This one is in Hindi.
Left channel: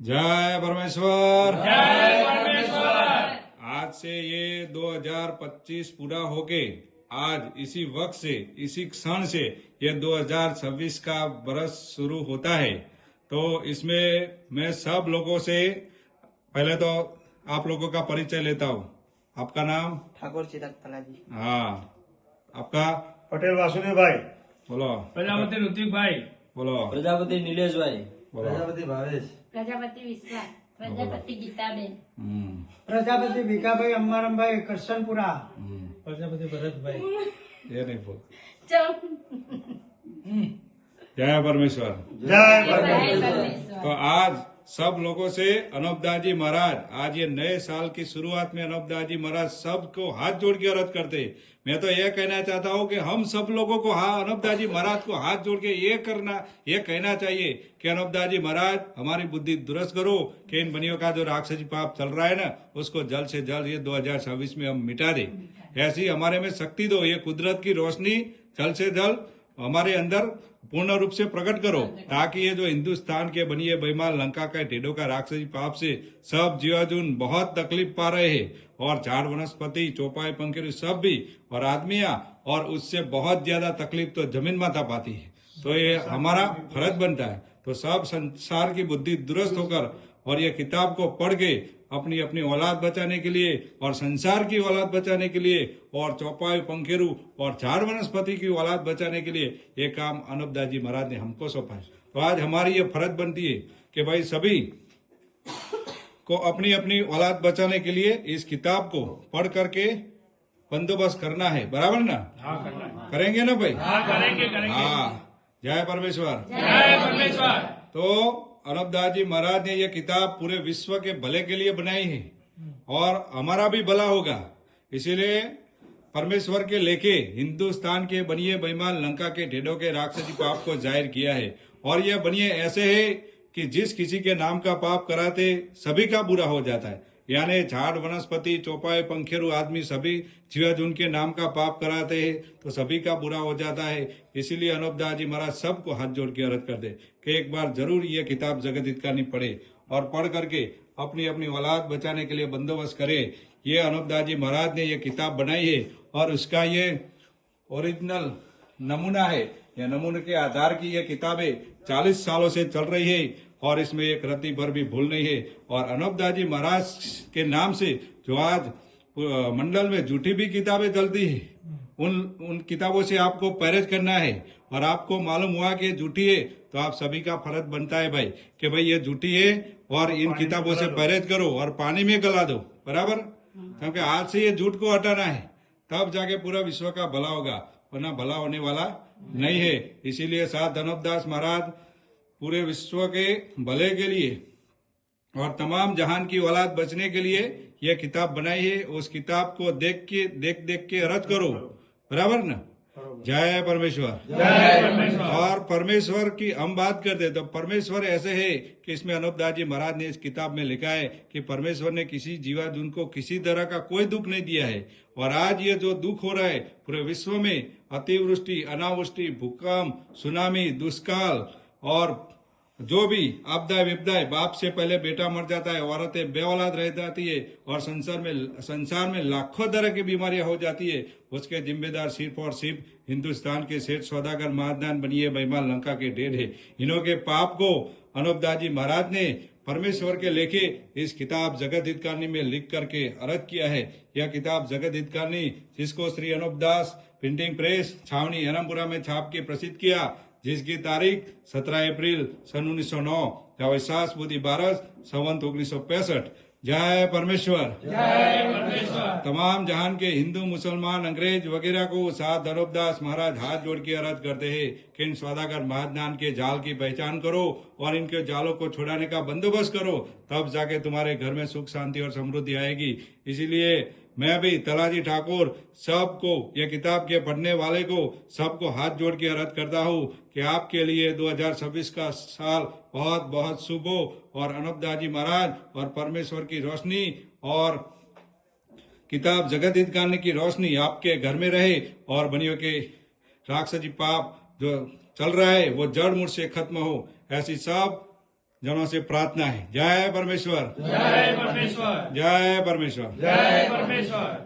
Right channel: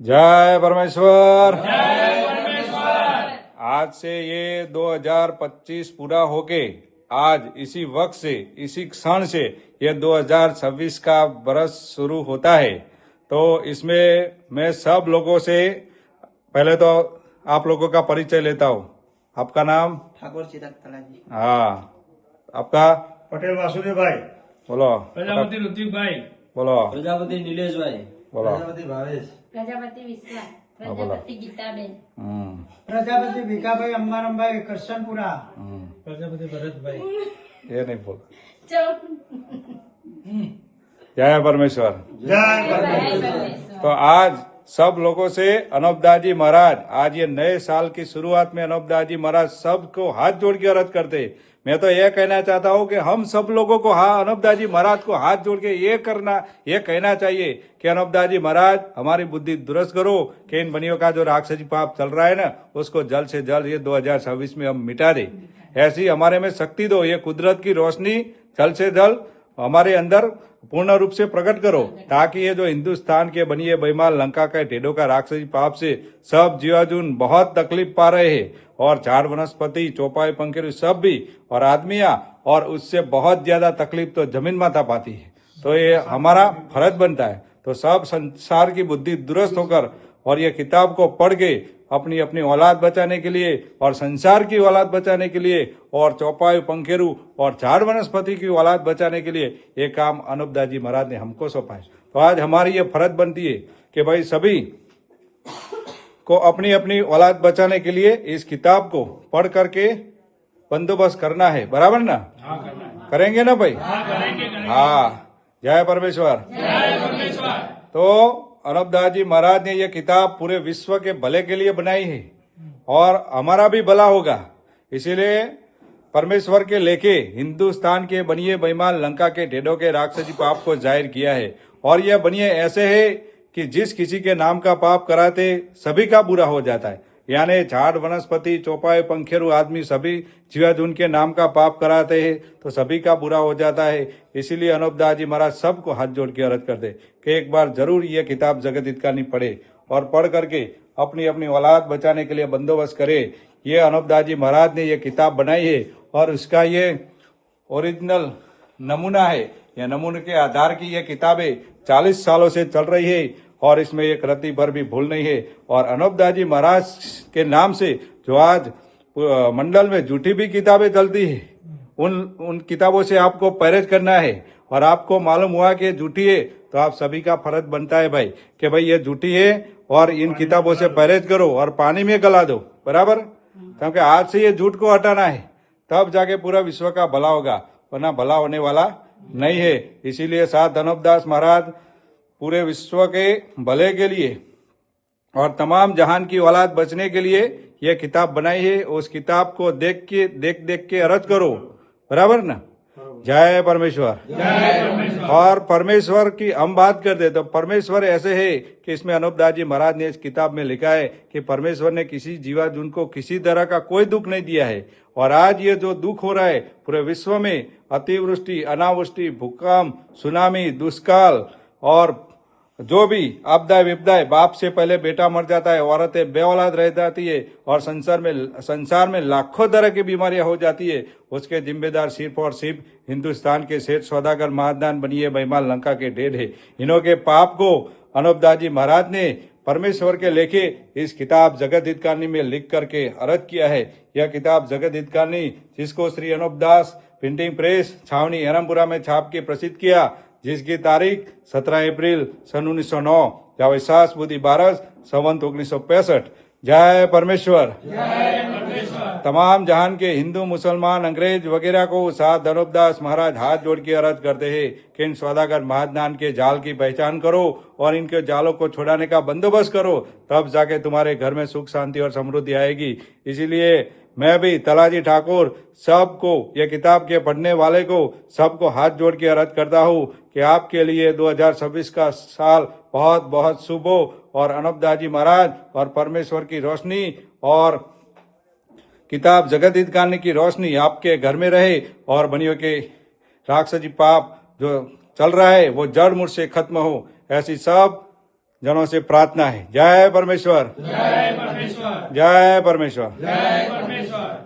जय परमेश्वर। जय परमेश्वर। आज से ये 2025 पूरा होके आज इसी वक्त से इसी क्षण से ये 2026 का बरस शुरू होता है। तो इसमें मैं सब लोगों से पहले तो आप लोगों का परिचय लेता हूँ। आपका नाम? ठाकुर चिराग तलाजी। हाँ, आपका? पटेल वासुदेव भाई। बोलो। प्रजापति ऋतिक भाई। बोलो। प्रजापति नीलेश भाई। बोलो। प्रजापति भावेश। प्रजापति विश्वास, प्रजापति गीताबेन, प्रजापति भीखाभाई अंबारामभाई करशनपुरा, प्रजापति भरत भाई। ये नहीं बोल। चौ जय परमेश्वर। जय परमेश्वर। तो आज सब लोगों से अनूपदास जी महाराज, आज ये नए साल की शुरुआत में अनूपदास जी महाराज सबको हाथ जोड़ के अर्ज करते। मैं तो ये कहना चाहता हूँ कि हम सब लोगों को अनूपदास जी महाराज को हाथ जोड़ के ये कहना चाहिए कि अनूपदास जी महाराज हमारी बुद्धि दुरुस्त करो कि इन बनियों का जो राक्षसी पाप चल रहा है ना, उसको जल्द से जल्द ये 2026 में हम मिटा दे। ऐसी हमारे में शक्ति दो, ये कुदरत की रोशनी जल्द से जल्द हमारे अंदर पूर्ण रूप से प्रकट करो, ताकि ये जो हिंदुस्तान के बनिए बेईमान लंका के ढेडों का राक्षसी पाप से सब जीवाजून बहुत तकलीफ पा रहे हैं, और झाड़ वनस्पति चौपाई पंखेरु सब भी, और आदमियां, और उससे बहुत ज्यादा तकलीफ तो जमीन माता पाती है। तो ये हमारा फर्ज बनता है। तो सब संसार की बुद्धि दुरुस्त होकर और ये किताब को पढ़ के अपनी अपनी औलाद बचाने के लिए और संसार की औलाद बचाने के लिए और चौपाई पंखेरु और झाड़ वनस्पति की औलाद बचाने के लिए ये काम अनूपदास जी महाराज ने हमको सौंपा है। तो आज हमारी ये फर्ज बनती है कि भाई सभी को अपनी अपनी औलाद बचाने के लिए इस किताब को पढ़ करके बंदोबस्त करना है। बराबर ना? हाँ, करना है। करेंगे ना भाई? हाँ, करेंगे। हाँ, जय परमेश्वर। जय परमेश्वर। तो अनूपदास जी महाराज ने यह किताब पूरे विश्व के भले के लिए बनाई है और हमारा भी भला होगा, इसीलिए परमेश्वर के लेके हिंदुस्तान के बनिए बेईमान लंका के ढेडों के राक्षसी पाप को जाहिर किया है। और यह बनिए ऐसे है कि जिस किसी के नाम का पाप कराते सभी का बुरा हो जाता है, यानी झाड़ वनस्पति चौपाई पंखेरु आदमी सभी जीवाजून के नाम का पाप कराते हैं तो सभी का बुरा हो जाता है। इसीलिए अनूपदास जी महाराज सबको हाथ जोड़ के अर्ज करते कि एक बार जरूर ये किताब जगत हितकानी पढ़े और पढ़ करके अपनी अपनी औलाद बचाने के लिए बंदोबस्त करे। ये अनूपदास जी महाराज ने ये किताब बनाई है और उसका ये ओरिजिनल नमूना है। यह नमूने के आधार की ये किताबें 40 सालों से चल रही है और इसमें एक रत्ती भर भी भूल नहीं है। और अनूपदास जी महाराज के नाम से जो आज मंडल में झूठी भी किताबें चलती है, उन किताबों से आपको परहेज करना है। और आपको मालूम हुआ कि झूठी है तो आप सभी का फर्ज बनता है भाई कि भाई ये झूठी है और इन किताबों से परहेज करो और पानी में गला दो। बराबर? क्योंकि आज से ये झूठ को हटाना है, तब जाके पूरा विश्व का भला होगा, वरना भला होने वाला नहीं है। इसीलिए साथ अनूपदास महाराज पूरे विश्व के भले के लिए और तमाम जहान की औलाद बचने के लिए यह किताब बनाई है। उस किताब को देख के अर्ज करो। बराबर ना? जय परमेश्वर। जय परमेश्वर। और परमेश्वर की हम बात करते तो परमेश्वर ऐसे है कि इसमें अनूपदास जी महाराज ने इस किताब में लिखा है कि परमेश्वर ने किसी जीवाजून को किसी तरह का कोई दुख नहीं दिया है। और आज ये जो दुख हो रहा है पूरे विश्व में, अतिवृष्टि अनावृष्टि भूकंप सुनामी दुष्काल और जो भी आपदाएं विपदाएं, बाप से पहले बेटा मर जाता है, औरतें बेऔलाद रह जाती है और संसार में लाखों तरह की बीमारियां हो जाती है, उसके जिम्मेदार सिर्फ और सिर्फ हिंदुस्तान के सेठ सौदागर महादान बनिए बेईमान लंका के ढेड है। इन्हों के पाप को अनूपदास जी महाराज ने परमेश्वर के लेके इस किताब जगत हितकानी में लिख करके अर्ज किया है। यह किताब जगत हितकानी, जिसको श्री अनूपदास प्रिंटिंग प्रेस छावनी हेरमपुरा में छाप के प्रसिद्ध किया, जिसकी तारीख 17 अप्रैल सन 1909 जावेसास बुद्धि 12 संवत 1965। जय परमेश्वर। जय परमेश्वर। तमाम जहान के हिंदू मुसलमान अंग्रेज वगैरह को साथ अनूपदास महाराज हाथ जोड़ के अर्ज करते हैं कि इन सौदागर महादान के जाल की पहचान करो और इनके जालों को छुड़ाने का बंदोबस्त करो, तब जाके तुम्हारे घर में सुख शांति और समृद्धि आएगी। इसीलिए मैं भी तलाजी ठाकुर सबको, ये किताब के पढ़ने वाले को सबको हाथ जोड़ के अर्ज करता हूँ कि आपके लिए 2026 का साल बहुत बहुत शुभ हो और अनूपदास जी महाराज और परमेश्वर की रोशनी और किताब जगत हितकानी की रोशनी आपके घर में रहे और बनियों के राक्षसी पाप जो चल रहा है वो जड़ मूल से खत्म हो। ऐसी सब जनों से प्रार्थना है। जय परमेश्वर, जय परमेश्वर, जय परमेश्वर। जय परमेश्वर।